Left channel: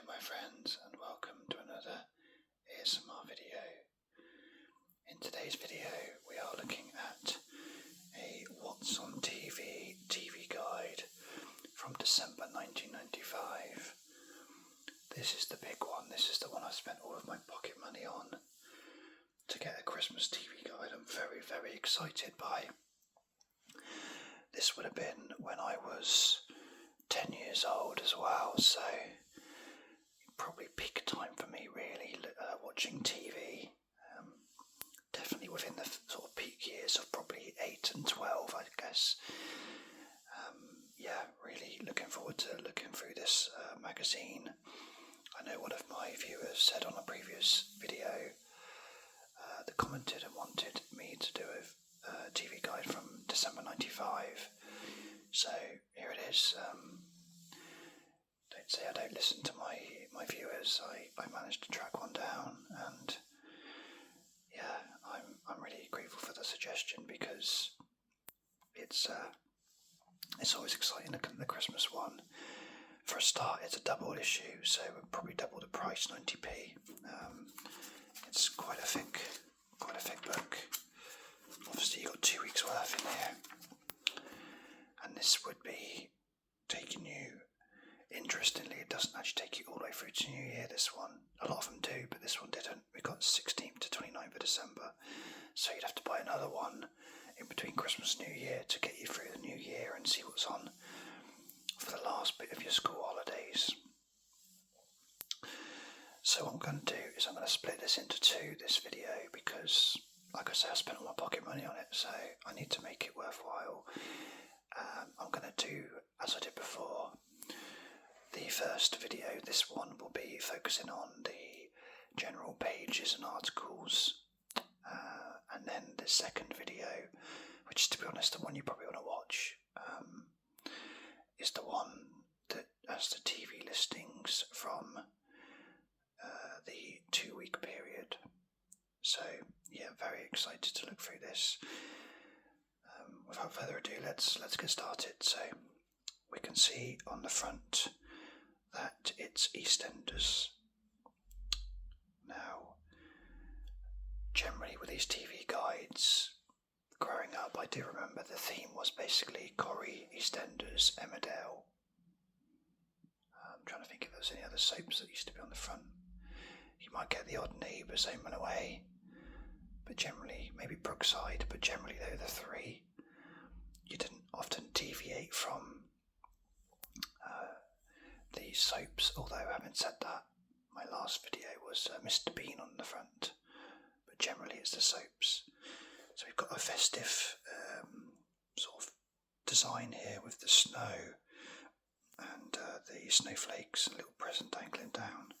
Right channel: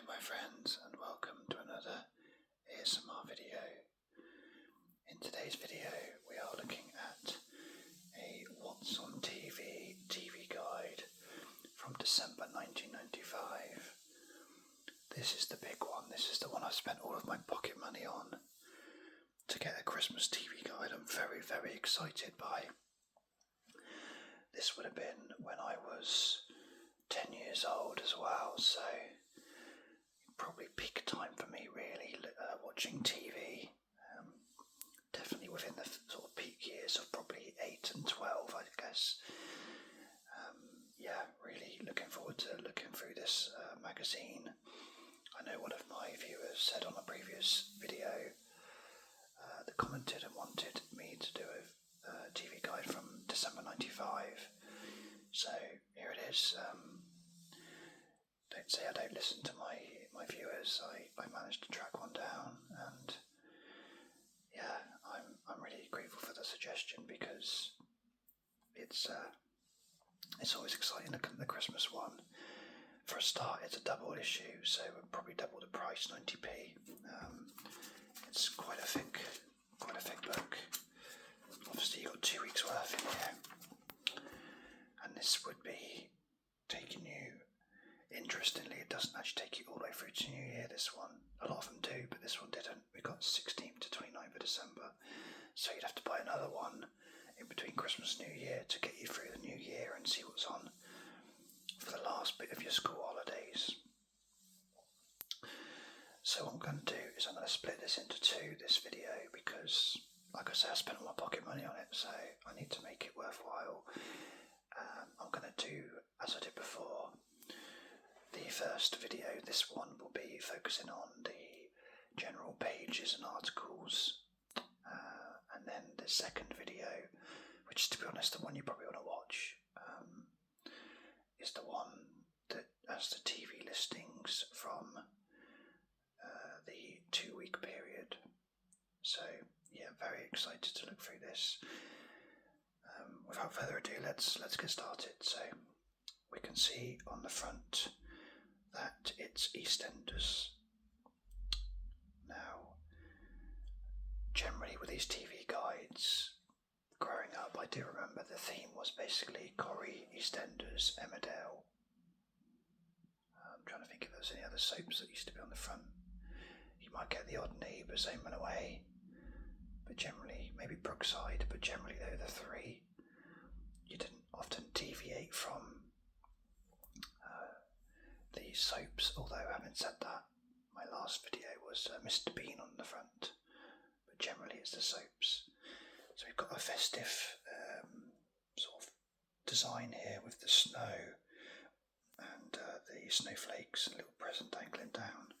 Hi my friends, and welcome to another ASMR video. In today's video we are looking at a What's on TV guide from December 1995. This is the big one. This is the one I spent all of my pocket money on to get a Christmas TV guide. I'm very, very excited by. This would have been when I was 10 years old as well, so probably peak time for me really, watching TV. Definitely within the sort of peak years of probably 8 and 12, I guess. Really looking forward to looking through this magazine. I know one of my viewers said on a previous video that commented and wanted me to do a TV guide from December 95. So here it is. Don't say I don't listen to my viewers. I managed to track one down, and I'm really grateful for the suggestion, because it's always exciting looking at the Christmas one. For a start, it's a double issue, so probably double the price, 90p. It's quite a thick book. Obviously, you've got 2 weeks worth in here, and this would be taking you. Interestingly, it doesn't actually take you all the way through to New Year, this one. A lot of them do, but this one didn't. We got 16th to 29th of December, so you'd have to buy another one in between Christmas and New Year to get you through the New Year and see what's on for the last bit of your school holidays. So what I'm going to do is I'm going to split this into two, this video, because, like I say, I spent all my pocket money on it, so I need to make it worthwhile. I'm going to do, as I did before, the first video. This one will be focusing on the general pages and articles, and then the second video, which, to be honest, the one you probably want to watch, is the one that has the TV listings from the 2-week period. So yeah, very excited to look through this. Without further ado, let's get started. So we can see on the front that it's EastEnders. Now, generally with these TV guides, growing up, I do remember the theme was basically Corrie, EastEnders, Emmerdale. I'm trying to think if there's any other soaps that used to be on the front. You might get the odd Neighbours, Home and Away, but generally, maybe Brookside, but generally they're the three. You didn't often deviate from the soaps, although having said that, my last video was Mr. Bean on the front, but generally it's the soaps. So we've got a festive sort of design here with the snow and the snowflakes, a little present dangling down.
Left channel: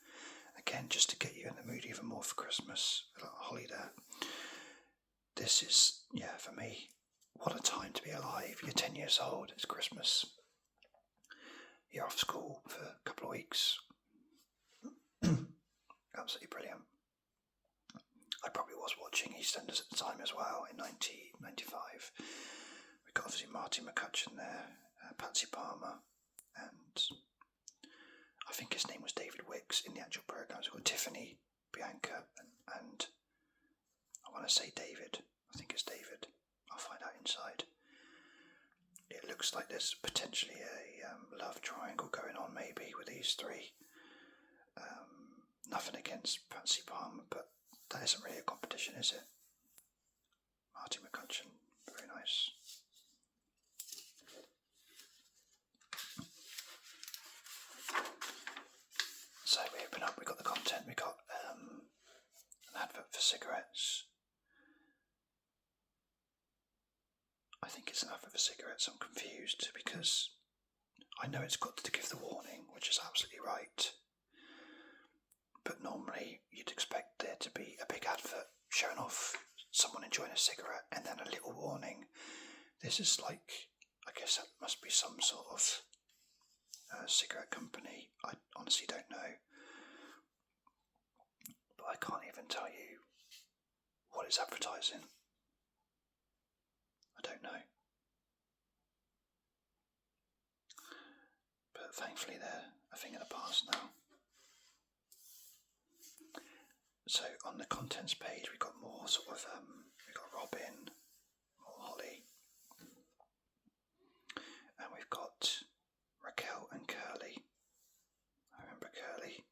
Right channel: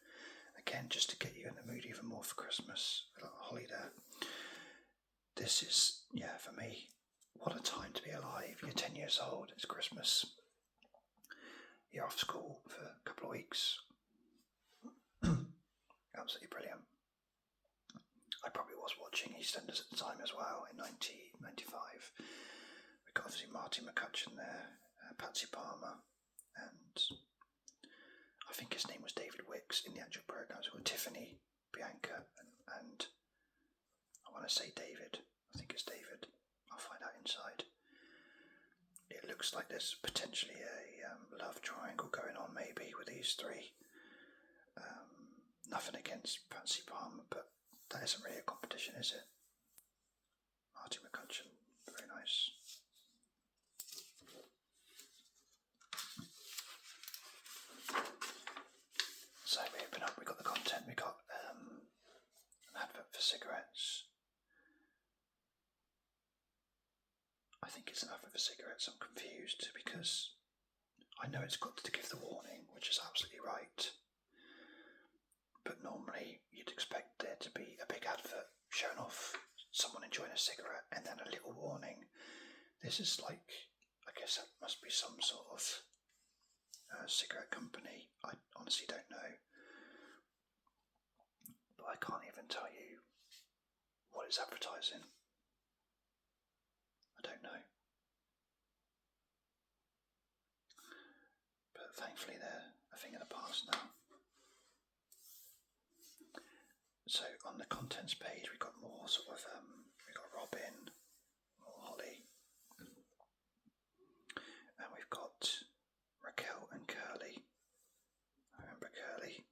Again, just to get you in the mood even more for Christmas, a little holly there. This is, for me, what a time to be alive. You're 10 years old, it's Christmas. You're off school for a couple of weeks. Absolutely brilliant. I probably was watching EastEnders at the time as well, in 1995. We've got obviously Martin McCutcheon there, Patsy Palmer, and I think his name was David Wicks in the actual programme. We've got Tiffany, Bianca, and I want to say David. I think it's David. I'll find out inside. It looks like there's potentially a love triangle going on, maybe, with these three. Nothing against Patsy Palmer, but that isn't really a competition, is it? Martin McCutcheon, very nice. So we open up, we got the content, we got an advert for cigarettes. I think it's an advert for cigarettes. I'm confused because I know it's got to give the warning, which is absolutely right. But normally you'd expect there to be a big advert showing off someone enjoying a cigarette and then a little warning. This is like, I guess that must be some sort of cigarette company. I honestly don't know. But I can't even tell you what it's advertising. I don't know. But thankfully they're a thing of the past now. on the contents page, we've got more sort of, we've got Robin, more Holly, and we've got Raquel and Curly. I remember Curly.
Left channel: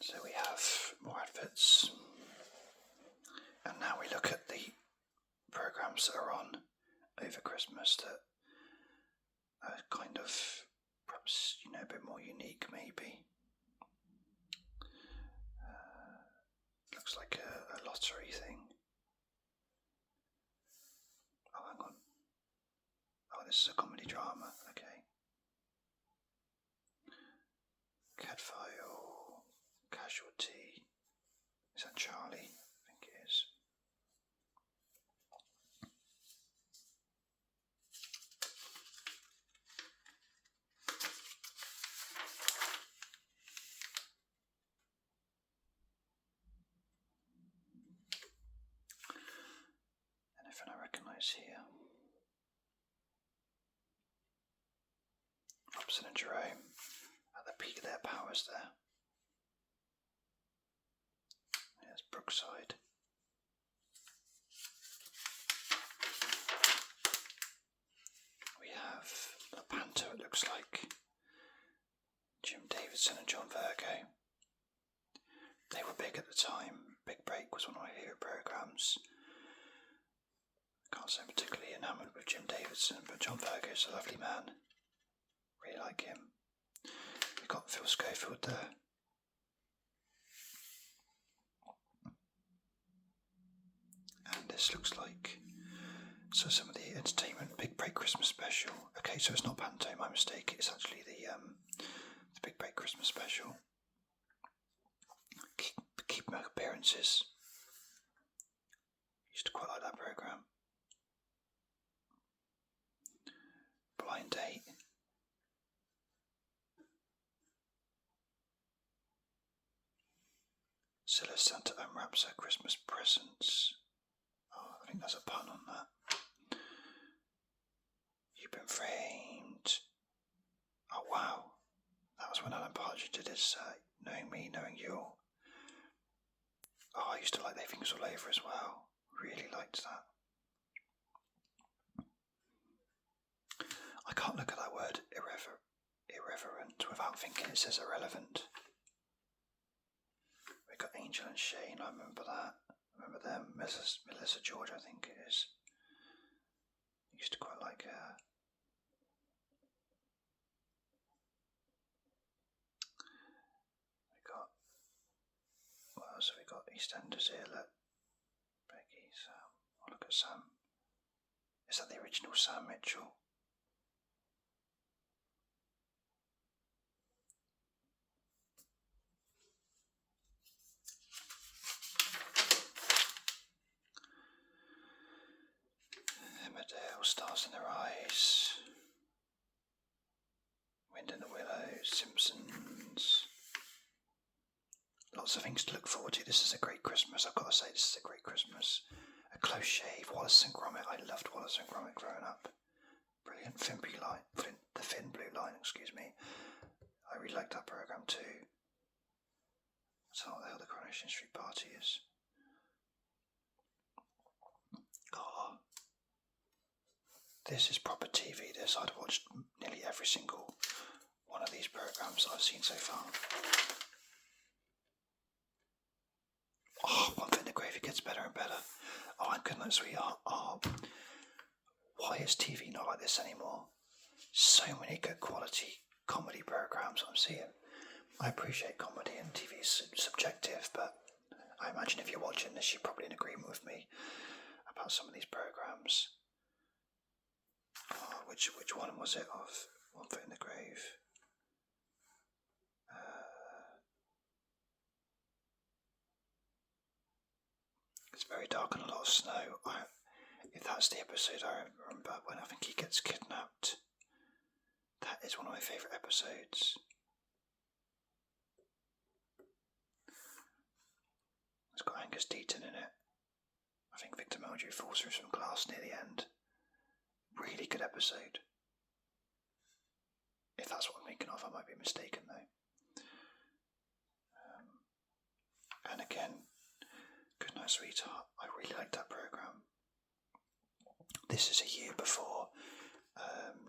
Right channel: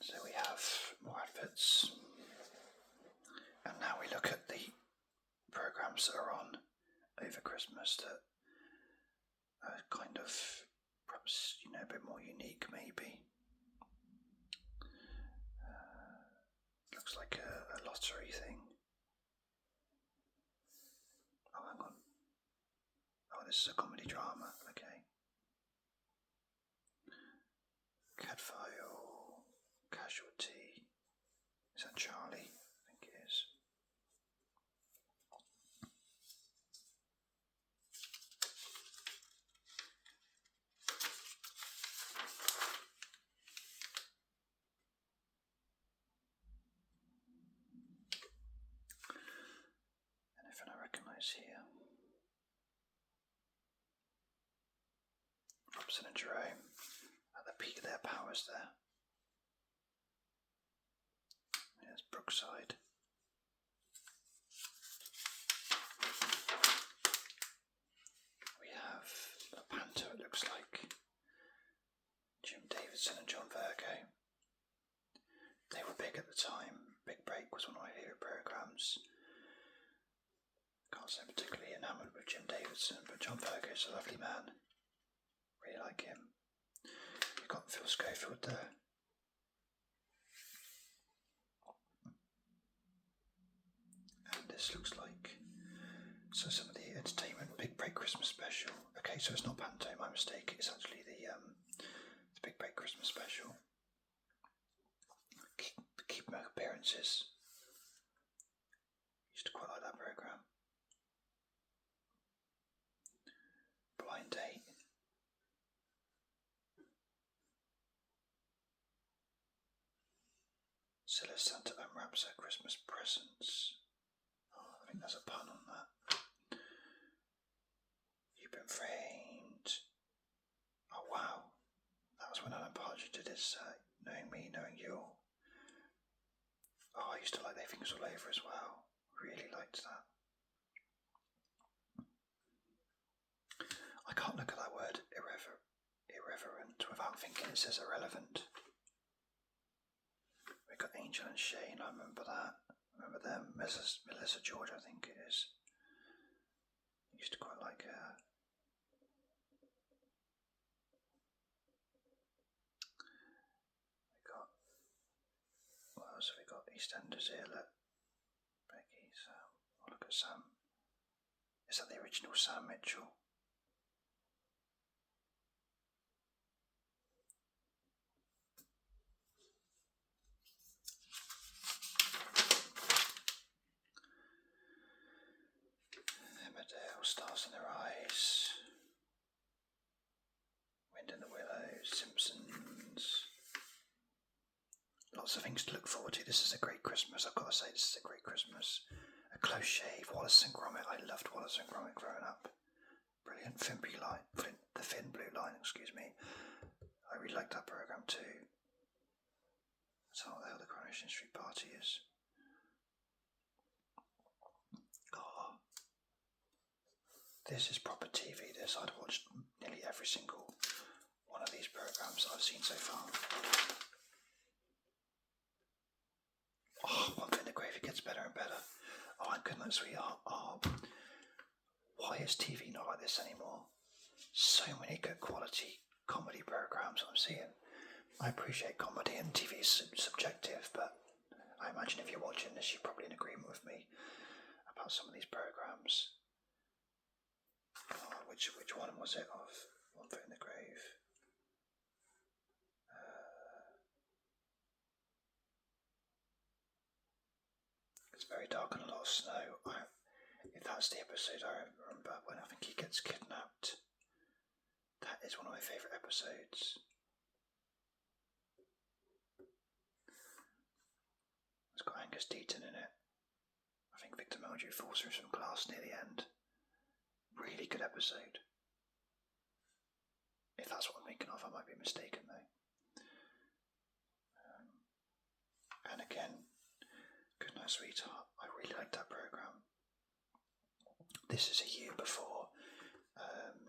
So we have more adverts, and now we look at the programs that are on over Christmas that are kind of perhaps a bit more unique, maybe. Looks like a lottery thing. Oh, hang on. Oh, this is a comedy drama. Okay. Cadfile, Casualty. Is that Charlie? I think it is. Anything I recognise here? Robson and Jerome at the peak of their powers there. There's Brookside. We have a panto, it looks like. Jim Davidson and John Virgo. They were big at the time. Big Break was one of my favourite programmes. Can't say I'm particularly enamoured with Jim Davidson, but John Virgo's a lovely man. Really like him. You've got Phil Schofield there. And this looks like some of the entertainment Big Break Christmas special. Okay, so it's not panto, my mistake. It's actually the Big Break Christmas special. Keep appearances. Used to quite like that programme. Blind Date. Scylla Santa unwraps her Christmas presents. Oh, I think there's a pun on that. You've been framed. Oh wow. That was when Alan Partridge did his Knowing Me, Knowing You. Oh, I used to like They Things All Over as well. Really liked that. I can't look at that word irreverent without thinking it says irrelevant. We got Angel and Shane, I remember that. Remember them? Melissa George, I think it is. I used to quite like her. What else have we got? EastEnders here, look. Becky, Sam. Oh, look at Sam. Is that the original Sam Mitchell? Emmerdale, Stars in Their Eyes. Wind in the Willows, Simpsons. Lots of things to look forward to. This is a great Christmas. I've got to say, this is a great Christmas. A Close Shave, Wallace and Gromit. I loved Wallace and Gromit growing up. Brilliant. The Thin Blue Line, excuse me. I really liked that programme too. That's not what the hell the Coronation Street Party is. Oh, this is proper TV, this. I'd watched nearly every single one of these programmes I've seen so far. Oh, One Foot in the Grave, it gets better and better. Oh, and Good Night Sweetheart. Oh, why is TV not like this anymore? So many good quality comedy programmes I'm seeing. I appreciate comedy, and TV is subjective, but I imagine if you're watching this, you're probably in agreement with me about some of these programmes. Oh, which one was it of One Foot in the Grave? It's very dark and a lot of snow. If that's the episode I remember when I think he gets kidnapped, that is one of my favourite episodes. It's got Angus Deaton in it. I think Victor Meldrew falls through some glass near the end. Really good episode. If that's what I'm thinking of, I might be mistaken though. And again, Goodnight Sweetheart, I really liked that programme. This is a year before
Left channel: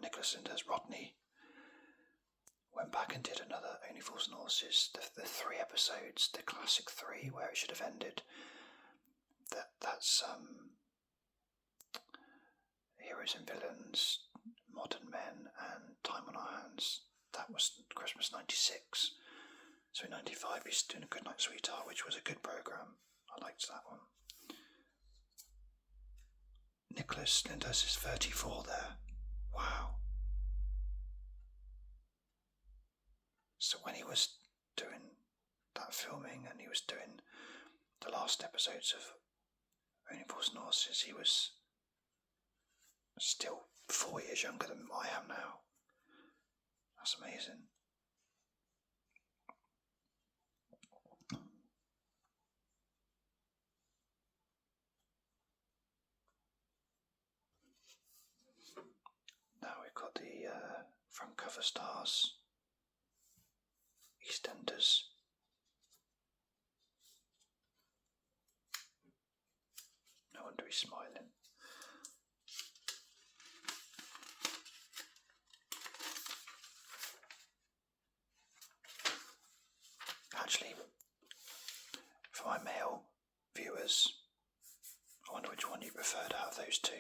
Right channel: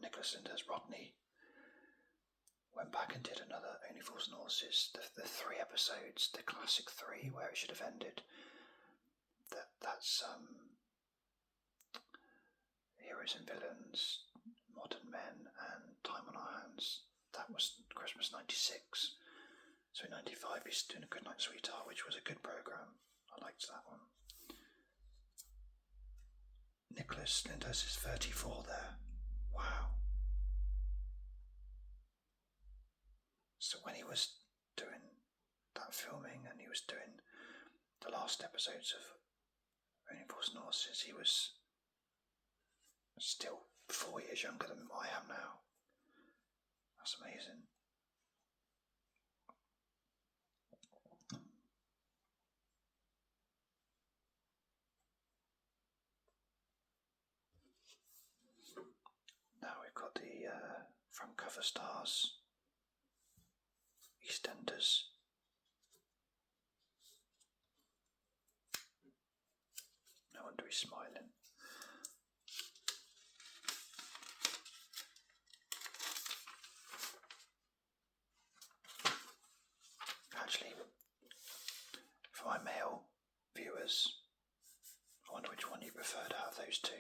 Nicholas Lyndhurst Rodney went back and did another Only Fools and Horses, the 3 episodes, the classic 3 where it should have ended. That's Heroes and Villains, Modern Men, and Time on Our Hands. That was Christmas '96. So in '95 he's doing A Goodnight Sweetheart, which was a good programme. I liked that one. Nicholas Lyndhurst is 34 there. Wow. So when he was doing that filming and he was doing the last episodes of Only Fools and Horses, he was still 4 years younger than I am now. That's amazing. Now we've got the front cover stars, EastEnders. No wonder he's smiling. Actually, for my male viewers, I wonder which one you preferred out of those two.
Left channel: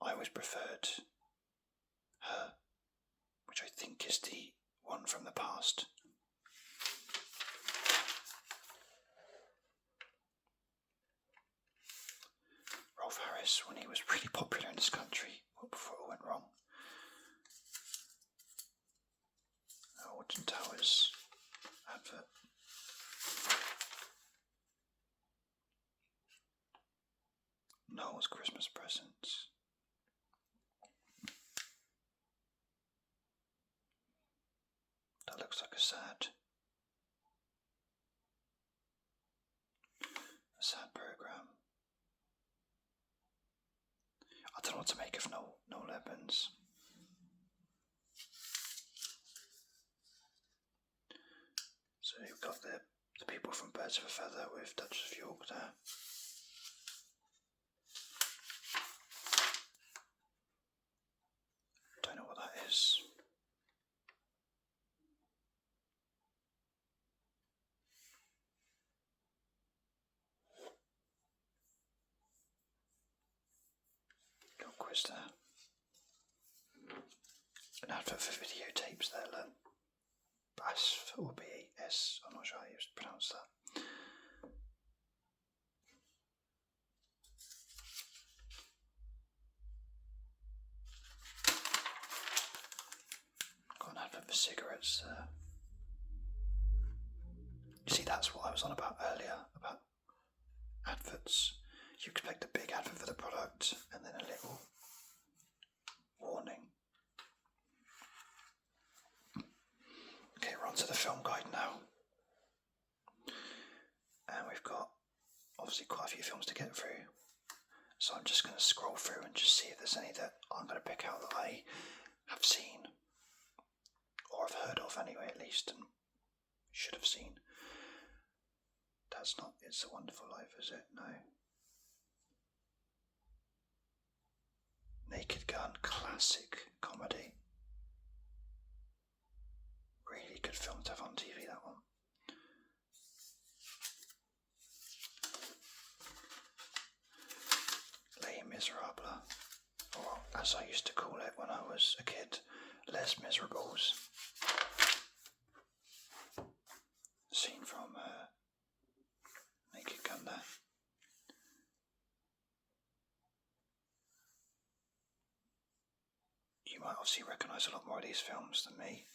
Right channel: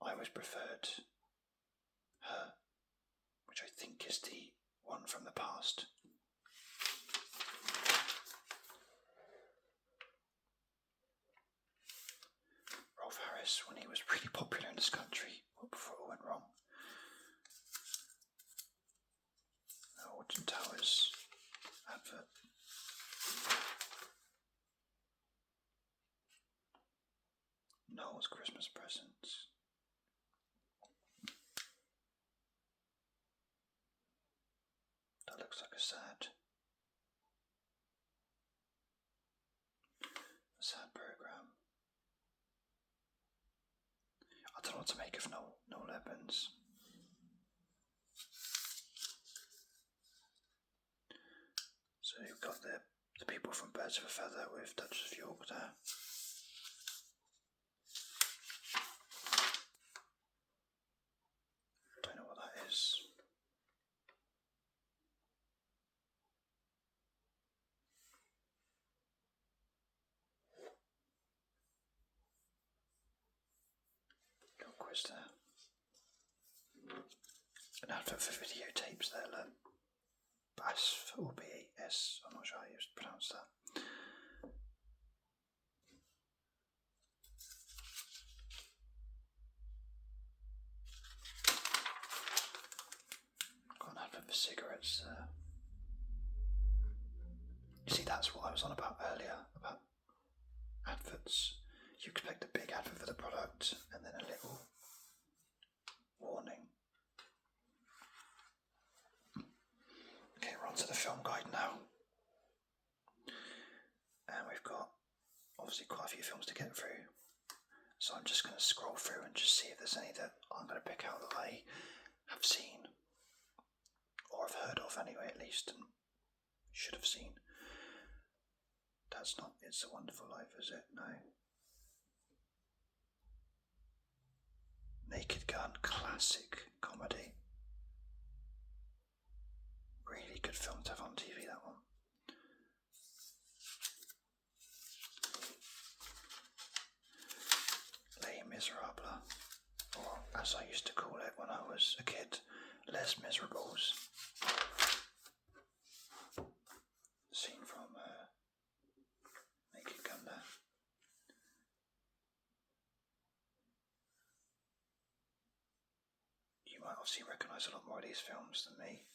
I always preferred Her, which I think is the one from the past. Rolf Harris, when he was really popular in this country, before it all went wrong. Alton Towers advert. Noel's Christmas presents. That looks like a sad programme. I don't know what to make of Noel Evans. So you've got the people from Birds of a Feather with Duchess of York there. Don't know what that is. Little quiz there. An advert for videotapes there, look. BAS or BAS, I'm not sure how you pronounce that. Got an advert for cigarettes there. You see, that's what I was on about earlier, about adverts. You expect a big advert for the product and then a little warning. Okay, we're on to the film guide now. And we've got obviously quite a few films to get through. So I'm just going to scroll through and just see if there's any that I'm going to pick out that I have seen. Or I've heard of anyway, at least, and should have seen. That's not It's a Wonderful Life, is it? No. Naked Gun, classic comedy. Really good film to have on TV, that one. Les Miserables, or as I used to call it when I was a kid, Les Miserables. Scene from Naked Gun there. You might obviously recognise a lot more of these films than me.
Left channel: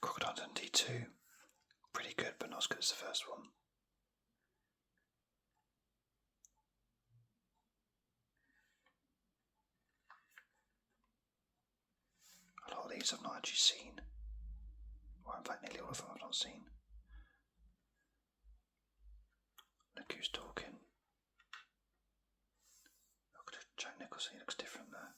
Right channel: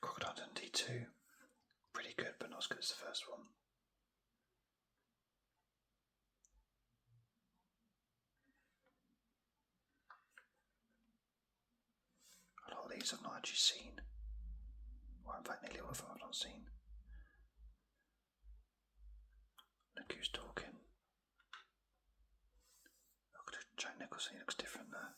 Crocodile Dundee 2, pretty good, but not as good as the first one. A lot of these I've not actually seen, or in fact nearly all of them I've not seen. Look Who's Talking. because he looks different there.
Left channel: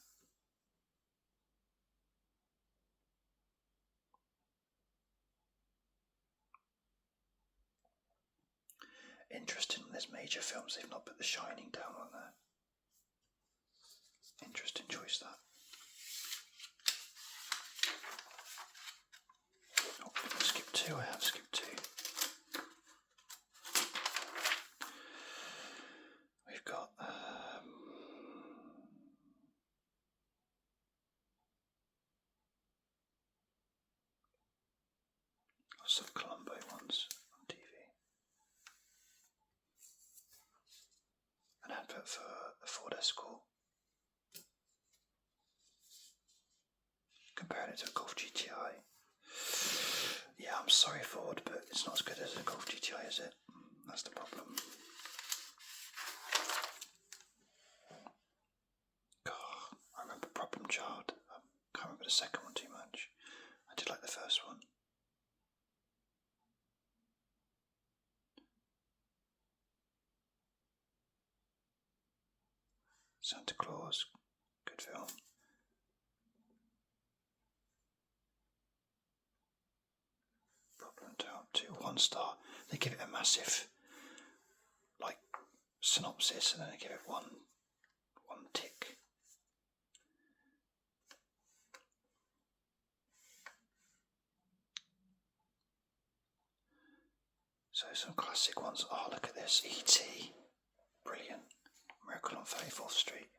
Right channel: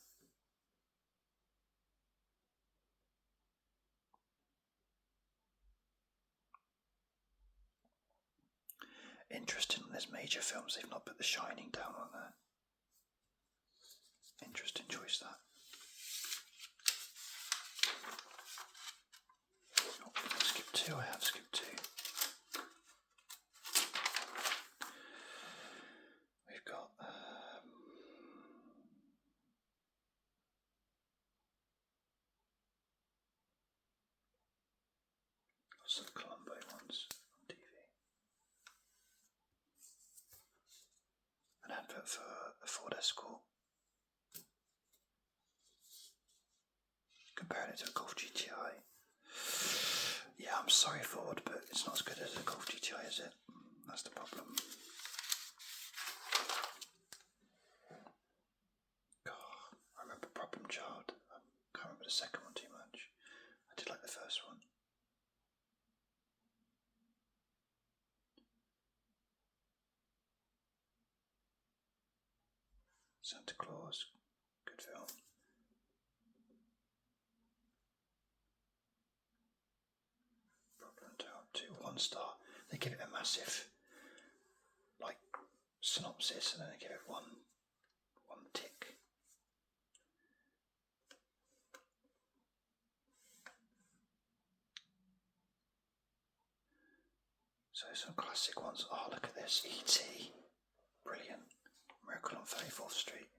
Interesting, there's major films, they've not put The Shining down on there. Interesting choice, that. Oh, skip 2, I have skipped 2. We've got lots of Columbo ones on TV. An advert for the Ford Escort. Comparing it to a Golf GTI. Yeah, I'm sorry Ford, but it's not as good as a Golf GTI, is it? That's the problem. God, I remember Problem Child. I can't remember the second one too much. I did like the first one. Santa Claus, good film. Problem Child 2, 1 star. They give it a massive, like, synopsis, and then they give it one tick. So some classic ones. Oh, look at this, E.T. Brilliant. Miracle on 34th Street.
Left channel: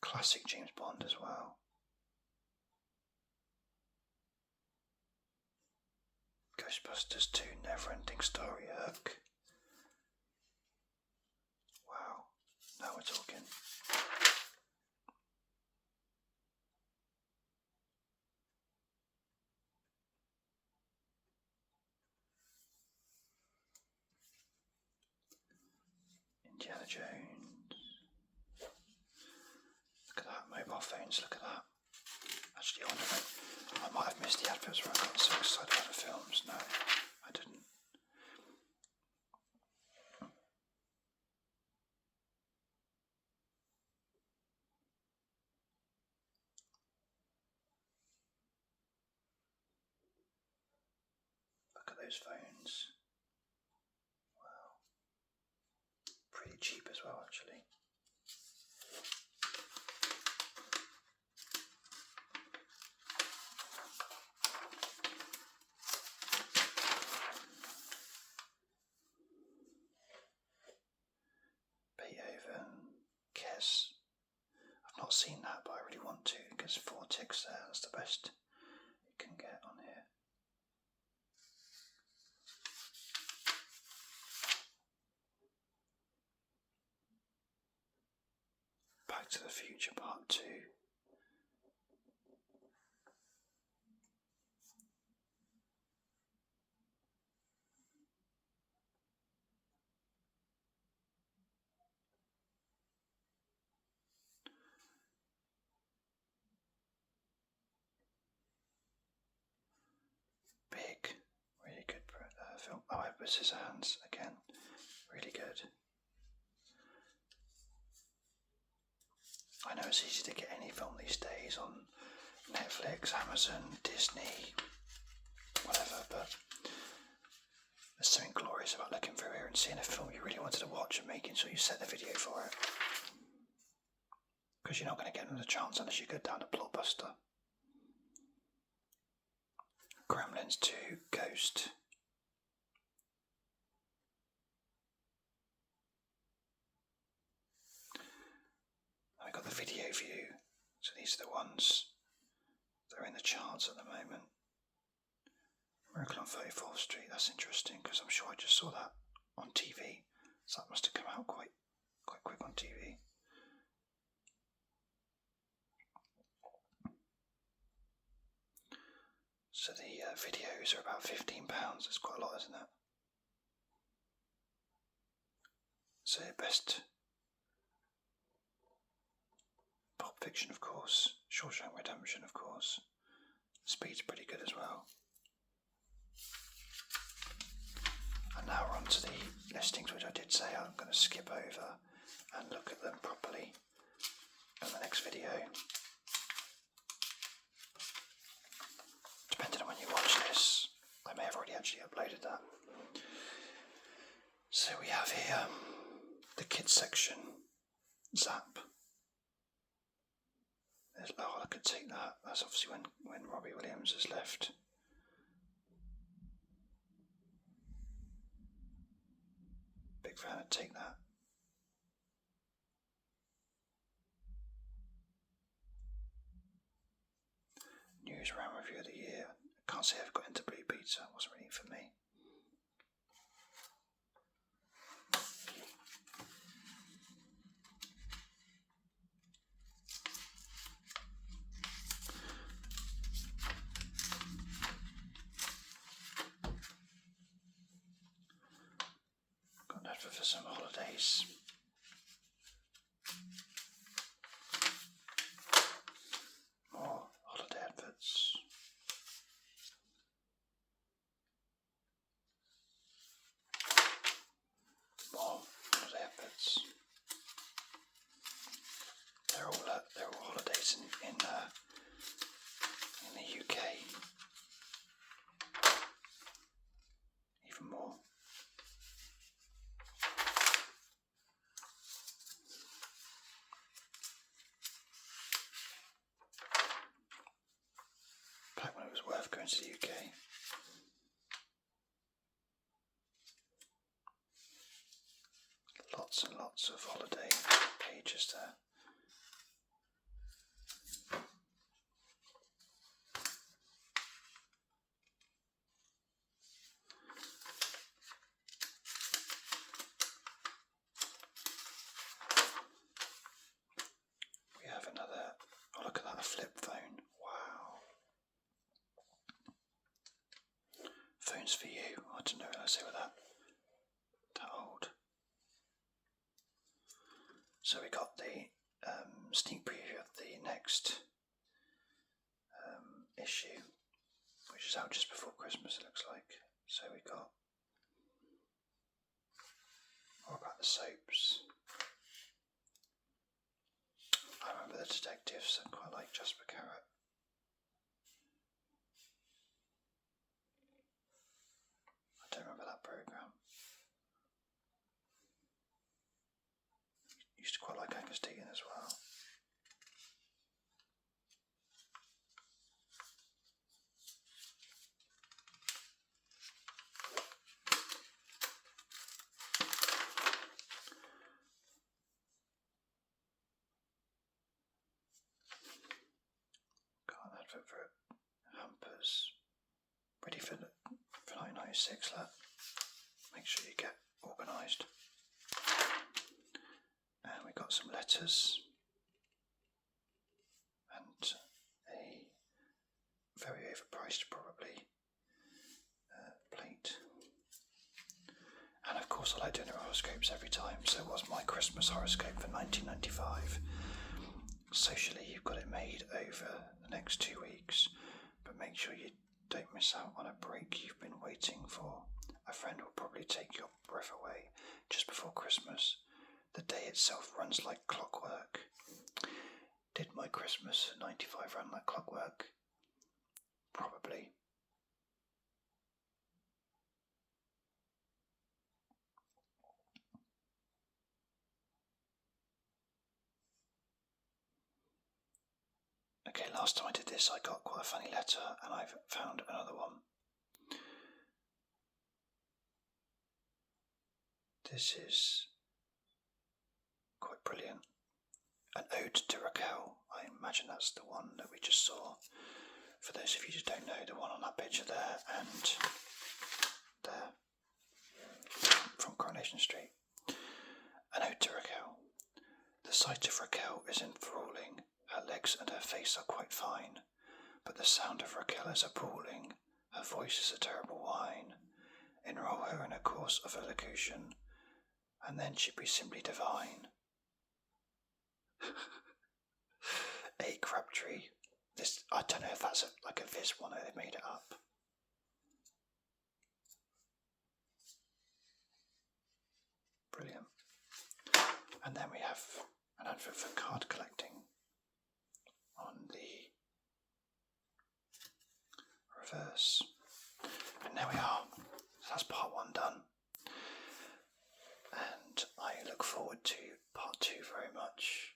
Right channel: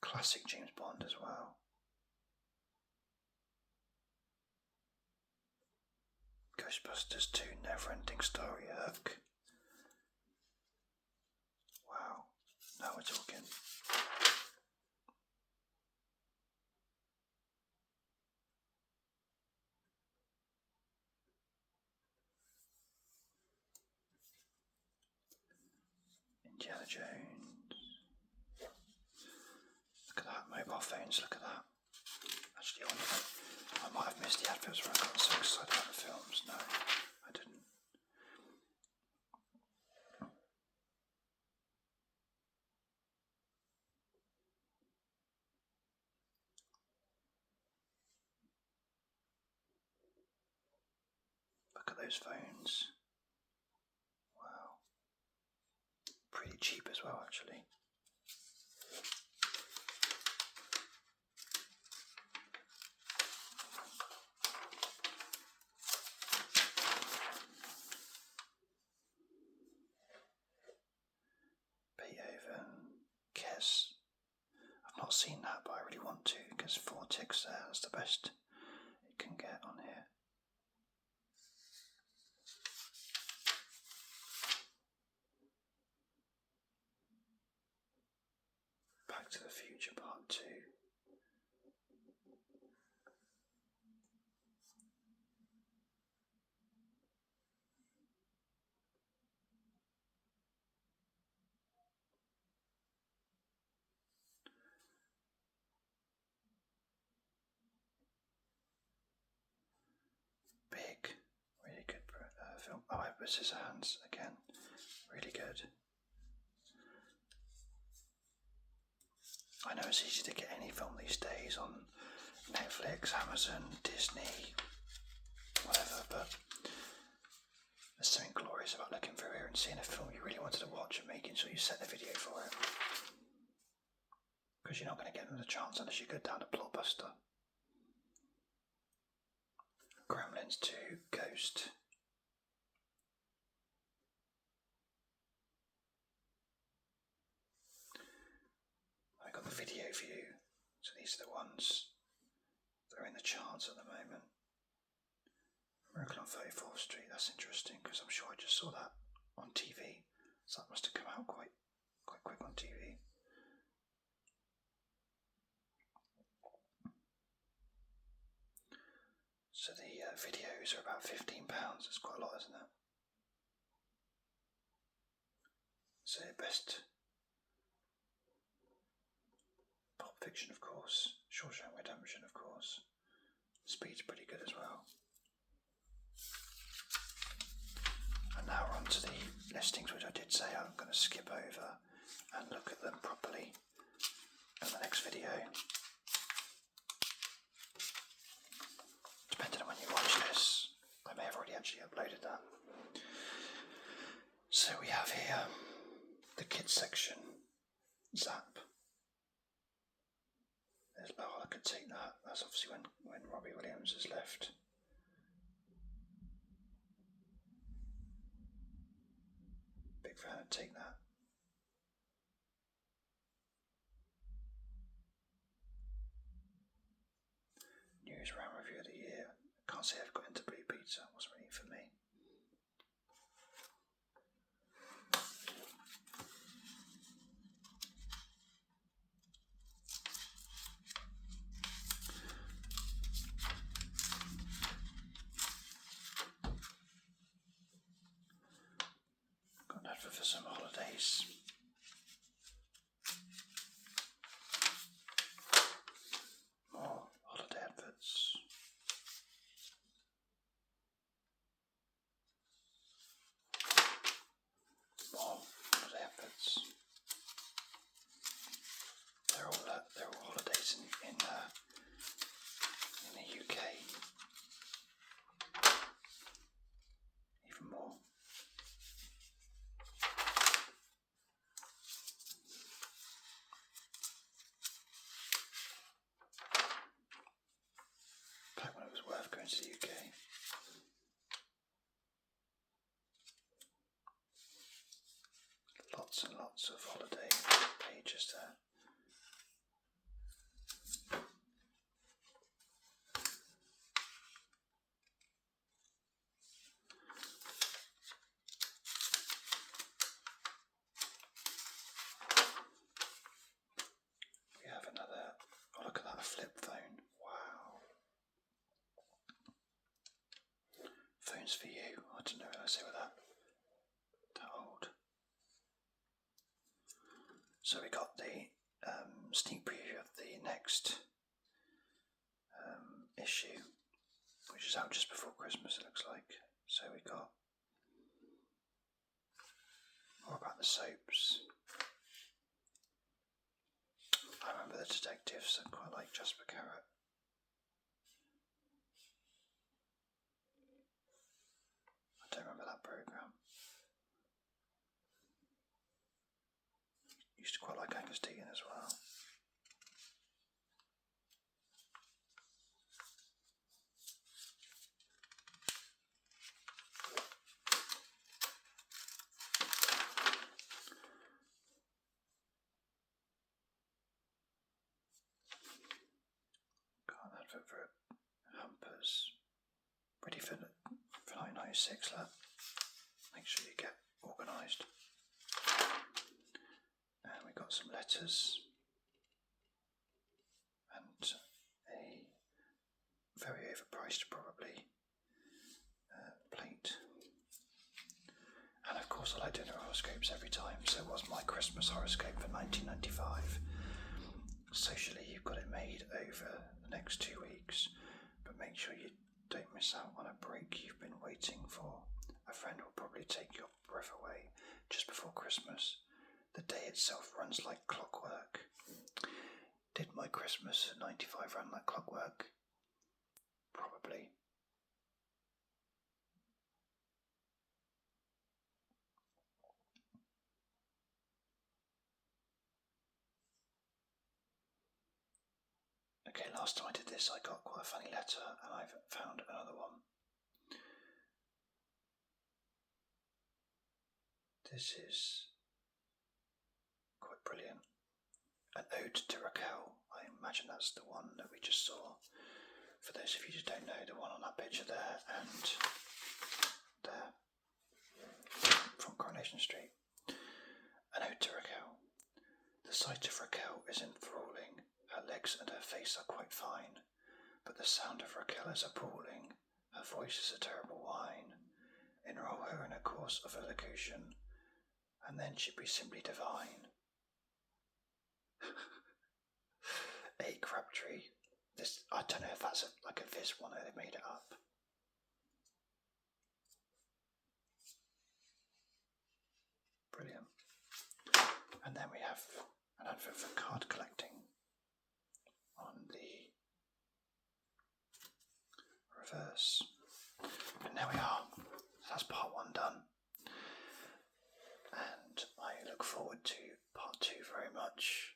Classic James Bond as well. Ghostbusters 2, Never-Ending Story, Hook. Wow, now we're talking. Indiana Jones. Look at that, mobile phones, look at that. Actually, I might have missed the adverts where I got so excited about the films. No, I didn't. Look at those phones. Wow. Pretty cheap as well, actually. Beethoven, Kes. I've not seen that, but I really want to, because 4 ticks there, that's the best it can get on here. Back to the Future Part 2. Big, really good film. Oh, Edward Scissorhands again, really good. I know it's easy to get any film these days on Netflix, Amazon, Disney, whatever, but there's something glorious about looking through here and seeing a film you really wanted to watch and making sure you set the video for it. Because you're not going to get another chance unless you go down to Blockbuster. Gremlins 2, Ghost. I got the video view, so these are the ones that are in the charts at the moment. Miracle on 34th Street, that's interesting because I'm sure I just saw that on TV, so that must have come out quite quick on TV. So the videos are about £15, that's quite a lot, isn't it? So best Pulp Fiction, of course, Shawshank Redemption, of course. Speed's pretty good as well. And now we're on to the listings, which I did say I'm going to skip over and look at them properly. actually uploaded that. So we have here the kids section, Zap. Oh, I could take that. That's obviously when Robbie Williams has left. Big fan of Take That. News round review of the year. I can't say I've got into Blue Pizza. It wasn't really for me. Got an advert for some holidays. More holiday adverts. More holiday adverts. They're all holidays in the UK. Even more. Back when it was worth going to the UK. Lots and lots of holiday pages there. We have another, oh look at that, a flip phone. Wow. Phones for you. I don't know what I say with that. That old. So we got the sneak preview of the next issue, which is out just before Christmas, it looks like. So we got more about the soaps. I remember the detectives. I quite like Jasper Carrot. I don't remember that programme. Used to quite like Angus Deaton as well. Got an advert for Hampers. Ready for 1996, lad. Make sure you get organised. And we got some letters and a very overpriced probably plate. And of course I like doing horoscopes every time, so it was my Christmas horoscope for 1995. Socially you've got it made over the next 2 weeks, but make sure you don't miss out on a break you've been waiting for. A friend will probably take your breath away just before Christmas. The day itself runs like clockwork. Did my Christmas 95 run like clockwork? Probably. Okay, last time I did this I got quite a funny letter and I've found another one. This is quite brilliant. An ode to Raquel. I imagine that's the one that we just saw. For those of you who don't know, the one on that picture there and there from Coronation Street. An ode to Raquel. The sight of Raquel is enthralling. Her legs and her face are quite fine, but the sound of Raquel is appalling. Her voice is a terrible whine. Enroll her in a course of elocution, and then she'd be simply divine. A. Crabtree. This, I don't know if that's like a Viz one or they made it up. Brilliant. And then we have an advert for card collecting on the reverse. And there we are. done. And I look forward to part 2 very much,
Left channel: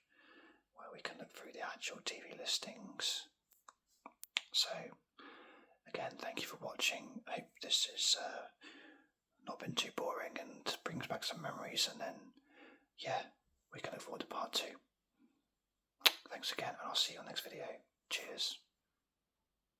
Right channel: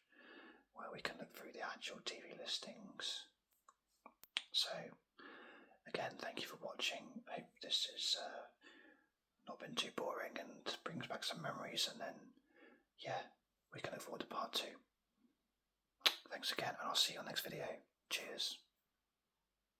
where we can look through the actual TV listings. So, again, thank you for watching. I hope this has not been too boring and brings back some memories, and then, yeah, we can look forward to part 2. Thanks again, and I'll see you on the next video. Cheers.